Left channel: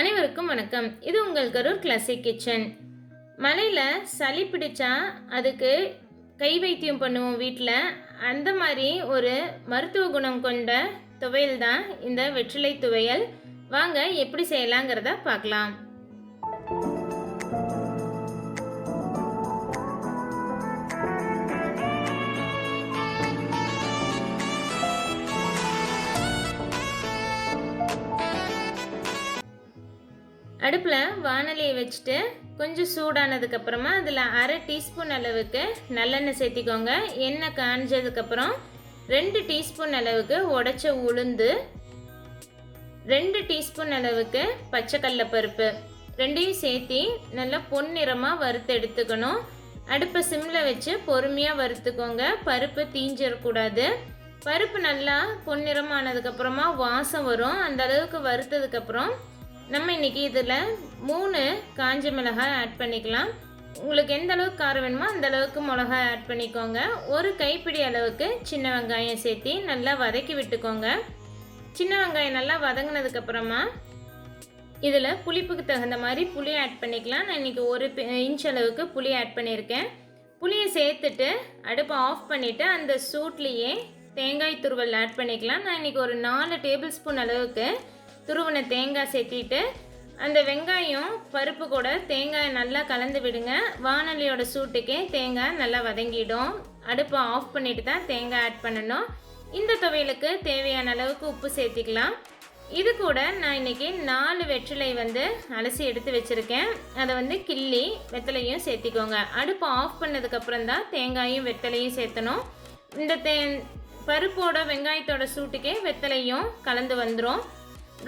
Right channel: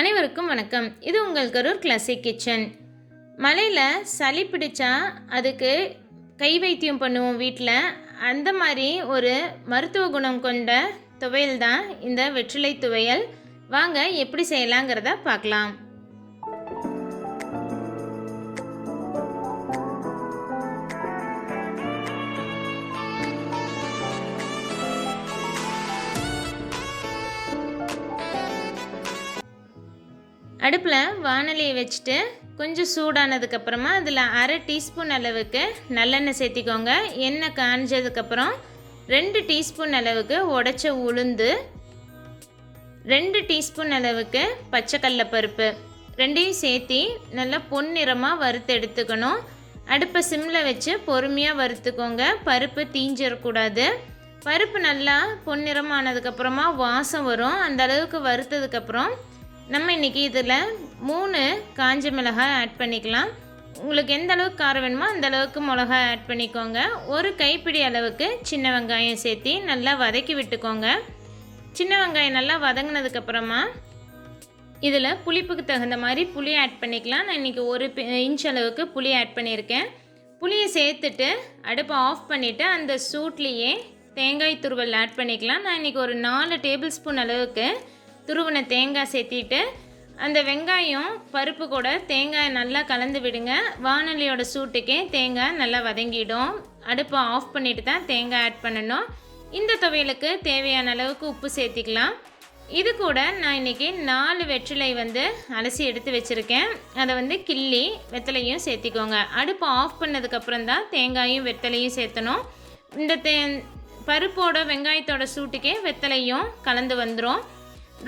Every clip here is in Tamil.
அனைவருக்கும் வணக்கம். இது உங்கள் கரூர் கிளாசிக் கிச்சன். மழையில் சளி பிடிச்சா அதுக்கு கை வைத்தியம் பண்ணுவோம் வீட்டில். அந்த மாதிரி ஒரு மருத்துவ குணம் கொண்ட துவையல் தான் இந்த வெற்றிலை துவையல். வாங்க எப்படி செய்யலாங்கிறத பார்க்கலாம். அடுப்பில் வானலியை வச்சுட்டு கொஞ்சம் சூடானதுக்கப்புறமா அதில் அரை டீஸ்பூன் அளவுக்கு நல்லெண்ணெய் சேர்த்திக்கோங்க. எண்ணெய் காஞ்சதுக்கப்புறம் 2 டீஸ்பூன் அளவுக்கு உடைச்ச உளுந்து, 2 டீஸ்பூன் அளவுக்கு பச்சைக்கடலை பருப்பு, ரெண்டையும் சேர்த்தி நல்லா பொன்னிறமாக வறுத்து எடுத்துக்கணும். அடுப்பை சிம்மில் வச்சு பொறுமையாக வறுத்துக்கோங்க. பருப்பு தீஞ்சிடக்கூடாது. பருப்பு நல்லா பொன்னிறமானதுக்கப்புறமா வாசம் வரும். அந்த அளவுக்கு வறுத்ததுக்கப்புறம் நம்ம இன்றைக்கி இதில் 3 காஞ்ச மிளகாய் ஆட் பண்ணிக்கலாம். உங்களுக்கு எந்த அளவுக்கு காரம் வேணுமோ அந்த அளவுக்கு மிளகாய் ஆட் பண்ணிக்கோங்க. ஒரு கைப்பிடி அளவுக்கு சின்ன வெங்காயம் சேர்த்தி நல்லா வதக்கி விட்டுக்கோங்க. சின்ன வெங்காயம் நல்லா வதங்கினதுக்கப்புறமா இதில் புளிப்புக்கு தகுந்த மாதிரி புளி ஆட் பண்ணிக்கலாம். நான் இன்றைக்கி 1 இன்ச் அளவுக்கு புளி ஆட் பண்ணியிருக்கேன். புளியை சேர்த்துட்டு அடுப்பை ஆஃப் பண்ணிவிட்டு அந்த சூட்லேயே தேங்காய் துருவல் ஆட் பண்ணிக்கலாம். நான் இன்றைக்கி ஒரு 4 டேபிள் ஸ்பூன் அளவுக்கு துருவின தேங்காய் சேர்த்திட்டு அந்த வெங்காயம் பருப்பு கூட தேங்காய் நல்லா கலந்து விடுங்க. வானலியோட சூட்டுக்கே தேங்காய் நல்லா வதங்கிடும். அடுப்பை ஆஃப் பண்ணிவிட்டு தான் தேங்காய் ஆட் பண்ணணும். இந்த துவையலுக்கு தேவையான அளவுக்கு உப்பு சேர்த்திக்கலாம். இது கூட நான் இன்றைக்கி 4 வெற்றிலை அலசி எடுத்து வச்சுருக்கேன். அதை கிள்ளி வெத்தலையும் சேர்த்திக்கோங்க. அடுப்பை ஆஃப் பண்ணதுக்கப்புறம் தான் தேங்காயும் வெத்தலையும் சேர்த்தணும். இந்த பருப்போட வெங்காயத்தோட சூட்டுக்கே வெத்தலையும் கலந்து வந்துடும்.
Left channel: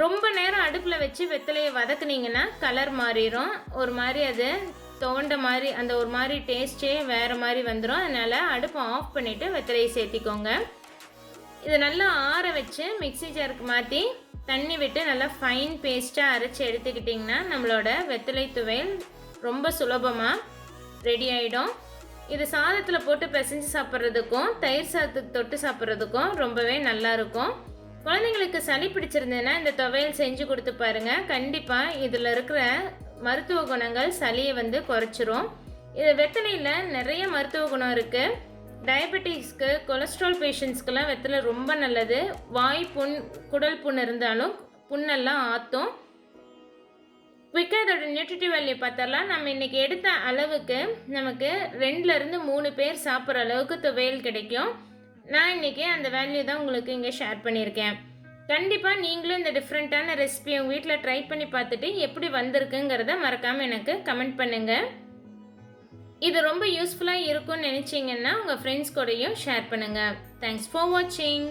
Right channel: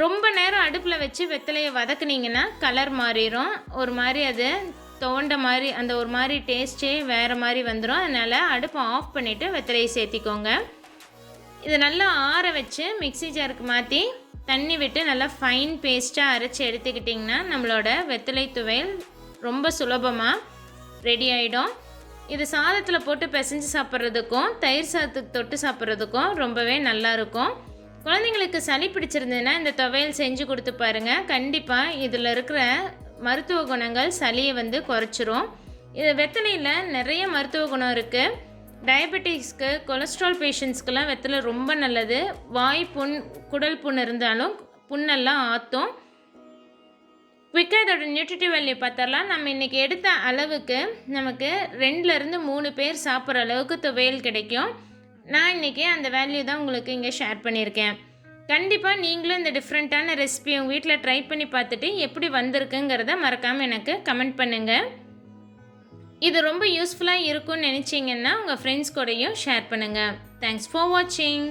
ரொம்ப நேரம் அடுப்பில் வச்சு வெத்தலையை வதக்குனிங்கன்னா கலர் மாறிடும். ஒரு மாதிரி அது துவண்ட மாதிரி அந்த ஒரு மாதிரி டேஸ்ட்டே வேறு மாதிரி வந்துடும். அதனால் அடுப்பை ஆஃப் பண்ணிவிட்டு வெத்தலையை சேர்த்திக்கோங்க. இதை நல்லா ஆற வச்சு மிக்ஸி ஜாருக்கு மாற்றி தண்ணி விட்டு நல்லா ஃபைன் பேஸ்ட்டாக அரைச்சி எடுத்துக்கிட்டிங்கன்னா நம்மளோட வெத்தலை துவையல் ரொம்ப சுலபமாக ரெடி ஆகிடும். இது சாதத்தில் போட்டு பிசைஞ்சு சாப்பிட்றதுக்கும் தயிர் சாதத்துக்கு தொட்டு சாப்பிட்றதுக்கும் ரொம்பவே நல்லாயிருக்கும். குழந்தைங்களுக்கு சளி பிடிச்சிருந்ததுன்னா இந்த துவையல் செஞ்சு கொடுத்து பாருங்கள். கண்டிப்பாக இதில் இருக்கிற மருத்துவ குணங்கள் சளியை குறைச்சிரும். இது வெத்தலையில் நிறைய மருத்துவ குணம் இருக்குது. டயபெட்டிக்ஸ்க்கு, கொலஸ்ட்ரால் பேஷண்ட்ஸ்க்கெல்லாம் வெத்தலை ரொம்ப நல்லது. வாய் புண், குடல் புண் இருந்தாலும் புண்ணெல்லாம் ஆற்றும். குயிக்காக இதோட நியூட்ரிட்டிவ் வேல்யூ பார்த்தரலாம். நம்ம இன்றைக்கி எடுத்த அளவுக்கு நமக்கு 2லேருந்து 3 பேர் சாப்பிட்ற அளவுக்கு துவையல் கிடைக்கும். நான் இன்றைக்கி அந்த வேல்யூ தான் உங்களுக்கு இங்கே ஷேர் பண்ணியிருக்கேன். கண்டிப்பாக நீங்களும் இந்த டிஃப்ரெண்ட்டான ரெசிபியை உங்கள் வீட்டில் ட்ரை பண்ணி பார்த்துட்டு எப்படி வந்திருக்குங்கிறத மறக்காமல் எனக்கு கமெண்ட் பண்ணுங்கள். இது ரொம்ப யூஸ்ஃபுல்லாக இருக்கும்னு நினச்சிங்கன்னா உங்கள் ஃப்ரெண்ட்ஸ் கூடயும் ஷேர் பண்ணுங்கள். தேங்க்ஸ் ஃபார் வாட்சிங்.